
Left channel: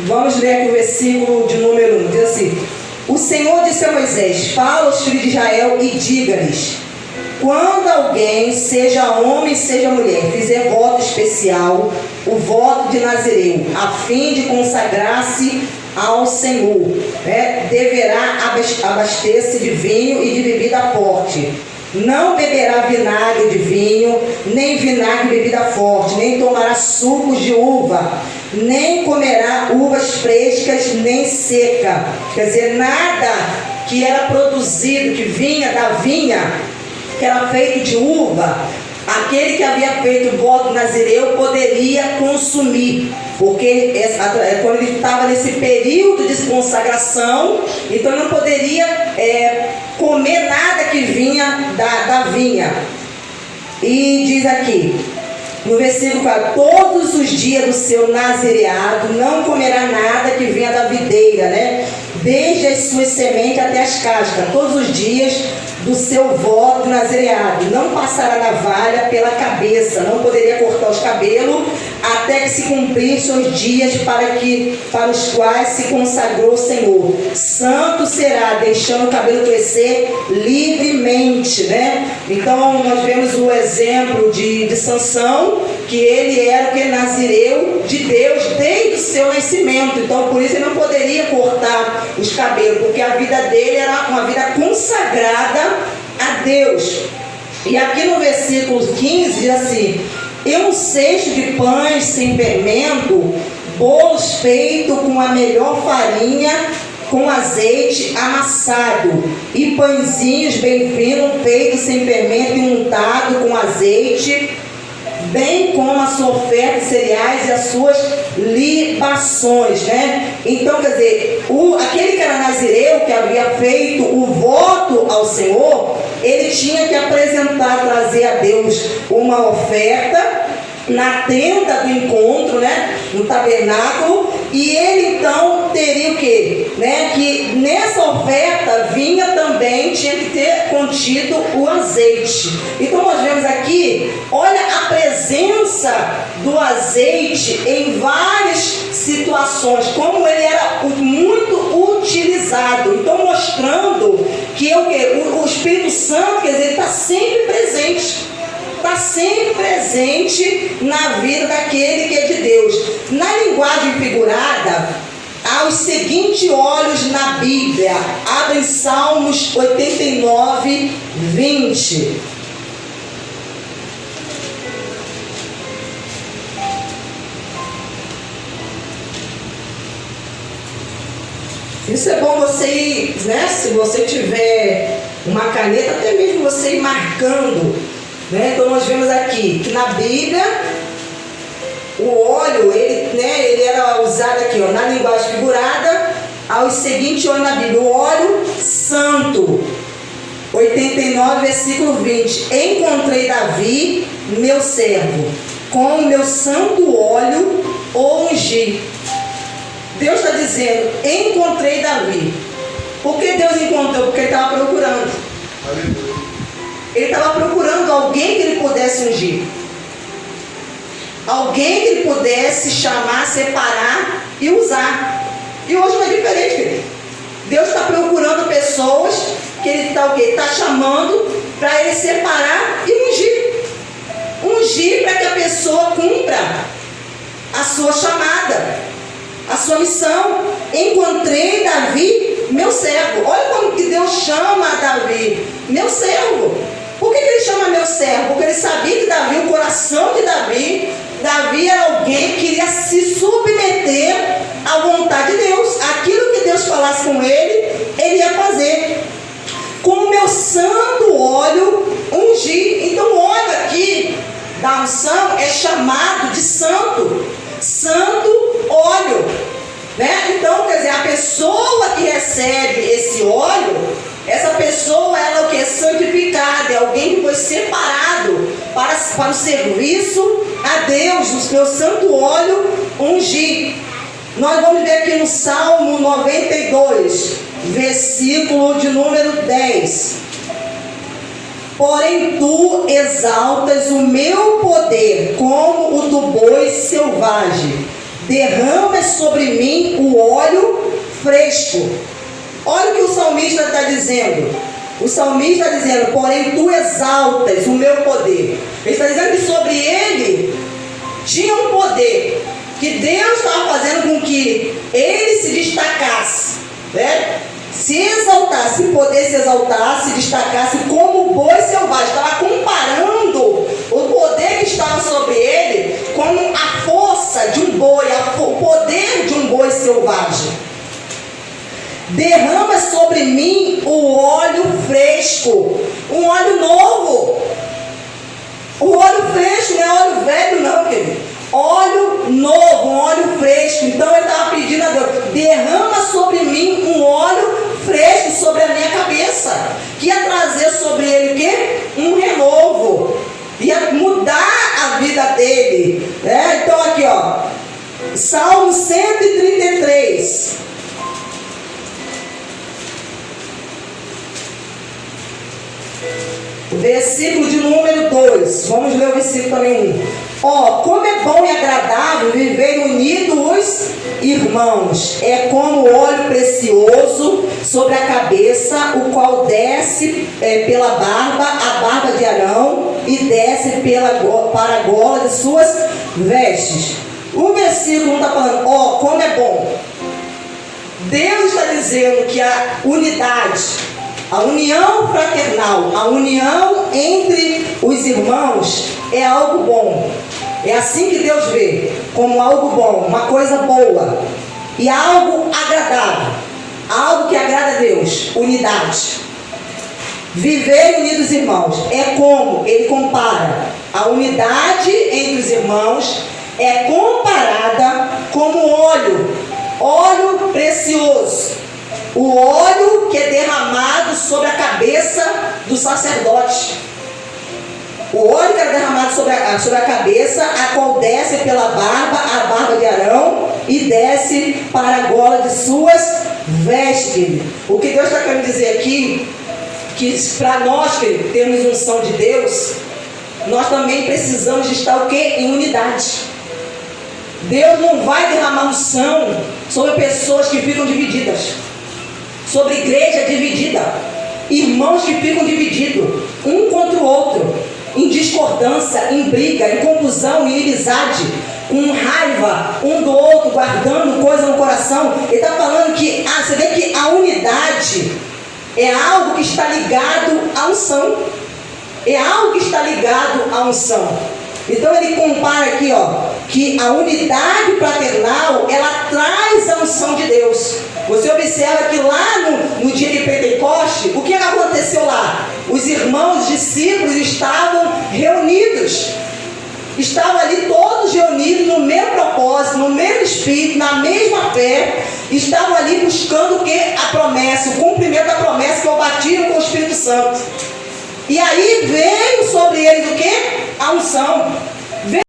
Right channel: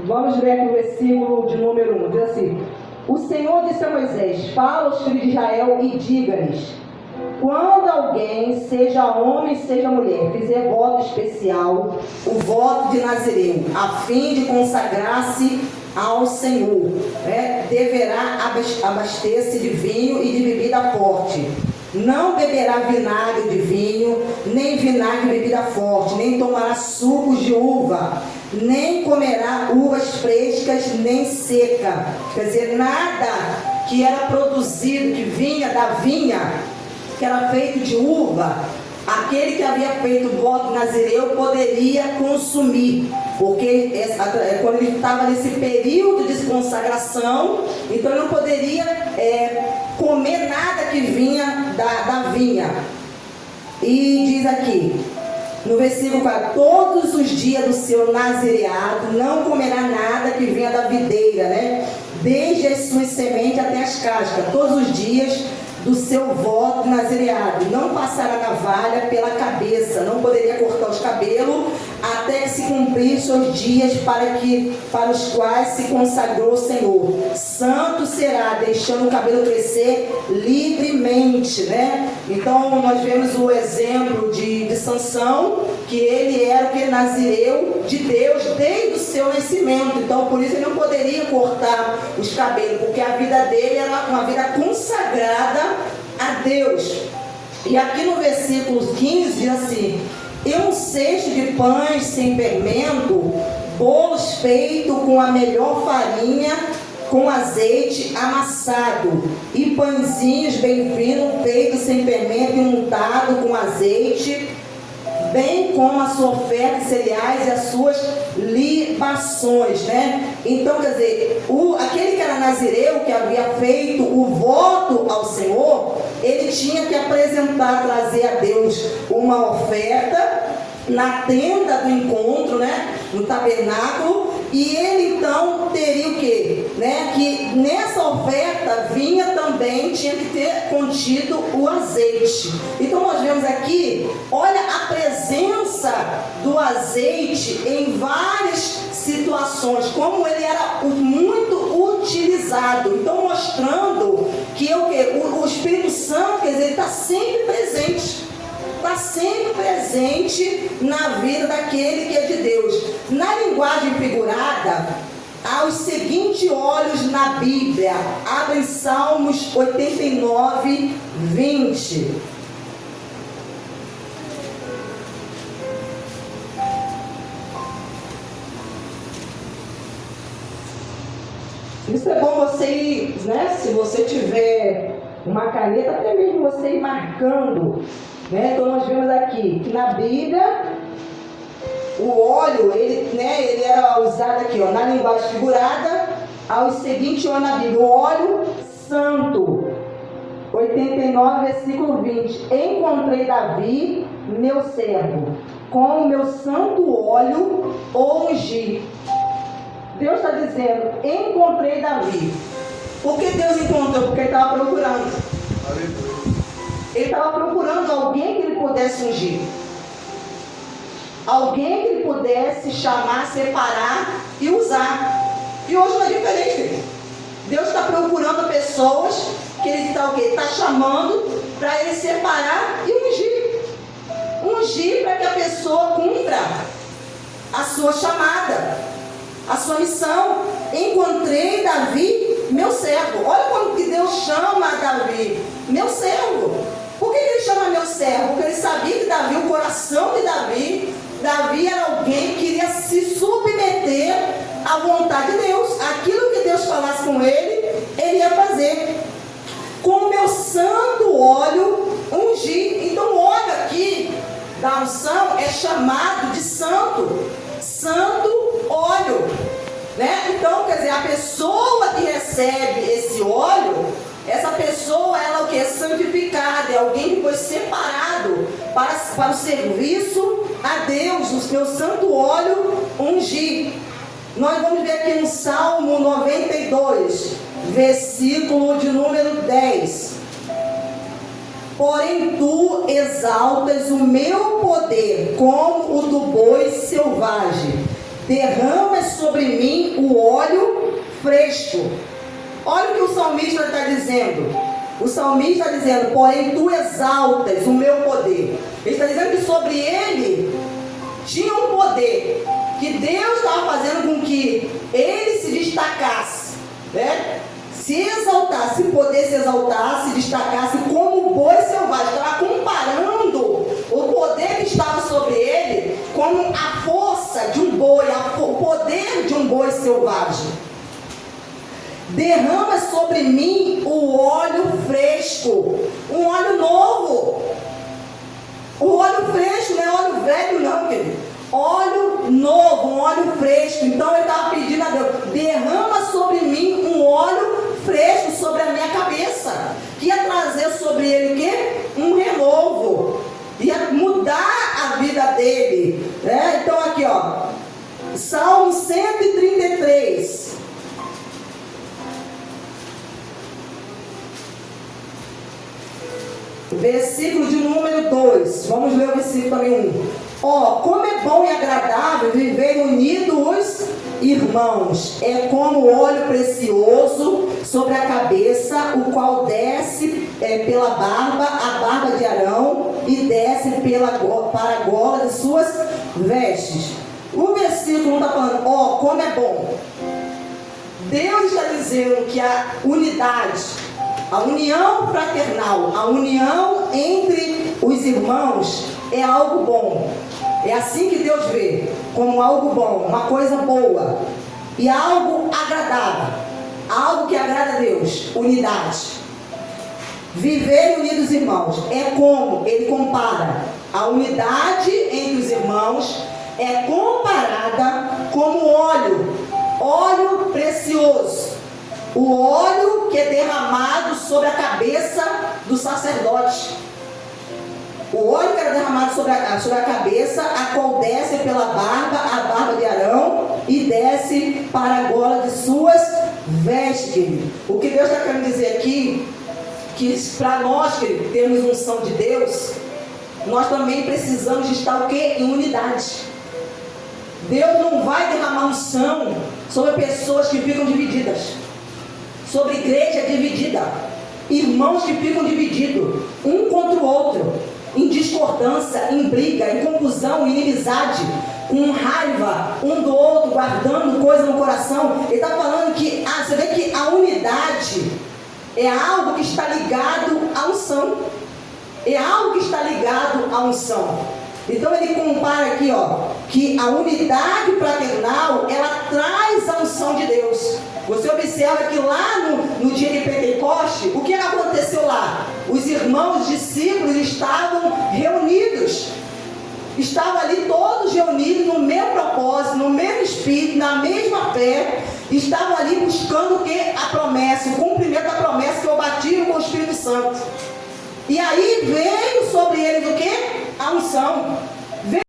Vamos ler aqui o versículo de número 1, diz assim: o Senhor disse a Moisés: fala aos filhos de Israel e diga-lhes: quando alguém, seja homem, seja mulher, fizer voto especial, o voto de Nazireu, a fim de consagrar-se ao Senhor, né, deverá abastecer-se de vinho e de bebida forte. Não beberá vinagre de vinho, nem vinagre de bebida forte, nem tomará sucos de uva, nem comerá uvas frescas, nem seca. Quer dizer, nada que era produzido, que vinha da vinha, que era feito de uva, aquele que havia feito o voto nazireu poderia consumir, porque quando ele estava nesse período de consagração, então ele não poderia comer nada que vinha da vinha. E diz aqui No versículo 4, todos os dias do seu nazireado não comerá nada que venha da videira, né? Desde as suas sementes até as cascas, todos os dias do seu voto nazireado. Não passará navalha pela cabeça, não poderia cortar os cabelos, até que se cumprissem os dias para os quais se consagrou o Senhor. Santo será, deixando o cabelo crescer livremente, né? Então nós vemos o exemplo de Sansão, que ele era aquele nazireu de Deus desde o seu nascimento. Então por isso ele não poderia cortar os cabelos, porque a vida dele era uma vida consagrada a Deus. E aqui no versículo 15 diz assim: e um cesto de pães sem fermento, bolos feitos com a melhor farinha, com azeite amassado, e pãezinhos bem finos, feitos sem fermento e untado com azeite, bem como a sua oferta de cereais e as suas libações, né? Então, quer dizer, aquele que era nazireu, que havia feito o voto ao Senhor, ele tinha que apresentar, trazer a Deus uma oferta na tenda do encontro, né? No tabernáculo, e ele então teria o quê? Né? Que nessa oferta vinha também, tinha que ter contido o azeite. Então nós vemos aqui, olha a presença do azeite em várias situações, como ele era muito utilizado. Então mostrando que o Espírito Santo, quer dizer, ele está sempre presente. Está sempre presente na vida daquele que é de Deus. Na linguagem figurada, há os seguintes olhos na Bíblia. Abre em Salmos 89, 20. Isso é bom você ir, né? Se você tiver uma caneta, até mesmo você ir marcando. Né? Então nós vemos aqui que na Bíblia o óleo, ele era usado aqui, ó, na linguagem figurada, aos seguintes olhos na Bíblia: o óleo santo, 89, versículo 20. Encontrei Davi, meu servo, com o meu santo óleo o ungi. Deus está dizendo: encontrei Davi. Por que Deus encontrou? Porque ele estava procurando. Ele estava procurando alguém que ele pudesse ungir. Alguém que ele pudesse chamar, separar e usar. E hoje não é diferente, querido. Deus está procurando pessoas que ele está o quê? Está chamando para ele separar e ungir. Ungir para que a pessoa cumpra a sua chamada, a sua missão. Encontrei Davi, meu servo. Olha como que Deus chama Davi, meu servo. Por que ele chama meu servo? Porque ele sabia que Davi, o coração de Davi era alguém que queria se submeter à vontade de Deus. Aquilo que Deus falasse com ele, ele ia fazer. Com o meu santo óleo ungir. Então o óleo aqui da unção é chamado de santo. Santo óleo. Né? Então, quer dizer, a pessoa que recebe esse óleo, essa pessoa, ela é o que? Santificada, é alguém que foi separado para o serviço a Deus, o seu santo óleo ungir. Nós vamos ver aqui no Salmo 92, versículo de número 10. Porém tu exaltas o meu poder como o do boi selvagem, derramas sobre mim o óleo fresco. Olha o que o salmista está dizendo. O salmista está dizendo: porém tu exaltas o meu poder. Ele está dizendo que sobre ele tinha um poder, que Deus estava fazendo com que ele se destacasse, né? Se exaltasse, poder se exaltar, se destacasse como boi selvagem. Estava comparando o poder que estava sobre ele com a força de um boi, o poder de um boi selvagem. Derrama sobre mim o óleo fresco, um óleo novo. O óleo fresco não é óleo velho não, querido. Óleo novo, um óleo fresco. Então ele estava pedindo a Deus: derrama sobre mim um óleo fresco sobre a minha cabeça, que ia trazer sobre ele o quê? Um renovo, ia mudar a vida dele. ele. Então aqui, ó, Salmo 133. Versículo de número 2. Vamos ler o versículo também 1. Como é bom e agradável viver unidos os irmãos. É como óleo precioso sobre a cabeça, o qual desce pela barba, a barba de Arão, e desce para a gola de suas vestes. O versículo não está falando, como é bom. Deus está dizendo que a unidade, a união fraternal, a união entre os irmãos é algo bom. É assim que Deus vê, como algo bom, uma coisa boa e algo agradável, algo que agrada a Deus. Unidade, viver unidos irmãos, é como ele compara a unidade entre os irmãos, é comparada como óleo precioso, o óleo que é derramado sobre a cabeça do sacerdote. O óleo que era derramado sobre a cabeça, a qual desce pela barba, a barba de Arão, e desce para a gola de suas vestes. O que Deus está querendo dizer aqui, que para nós que temos unção de Deus, nós também precisamos de estar o quê? Em unidade. Deus não vai derramar unção sobre pessoas que ficam divididas, sobre igreja dividida, irmãos que ficam divididos, um contra o outro, em discordância, em briga, em confusão, em inimizade, com raiva um do outro, guardando coisa no coração. Ele está falando que, você vê que a unidade é algo que está ligado à unção. É algo que está ligado à unção. Então ele compara aqui, que a unidade fraternal, ela traz a unção de Deus. Você observa que lá no dia de Pentecostes, o que aconteceu lá? Os irmãos, os discípulos estavam reunidos. Estavam ali todos reunidos no mesmo propósito, no mesmo espírito, na mesma fé. Estavam ali buscando o que? A promessa, o cumprimento da promessa, que é o batismo com o Espírito Santo. E aí veio sobre eles o que? A unção.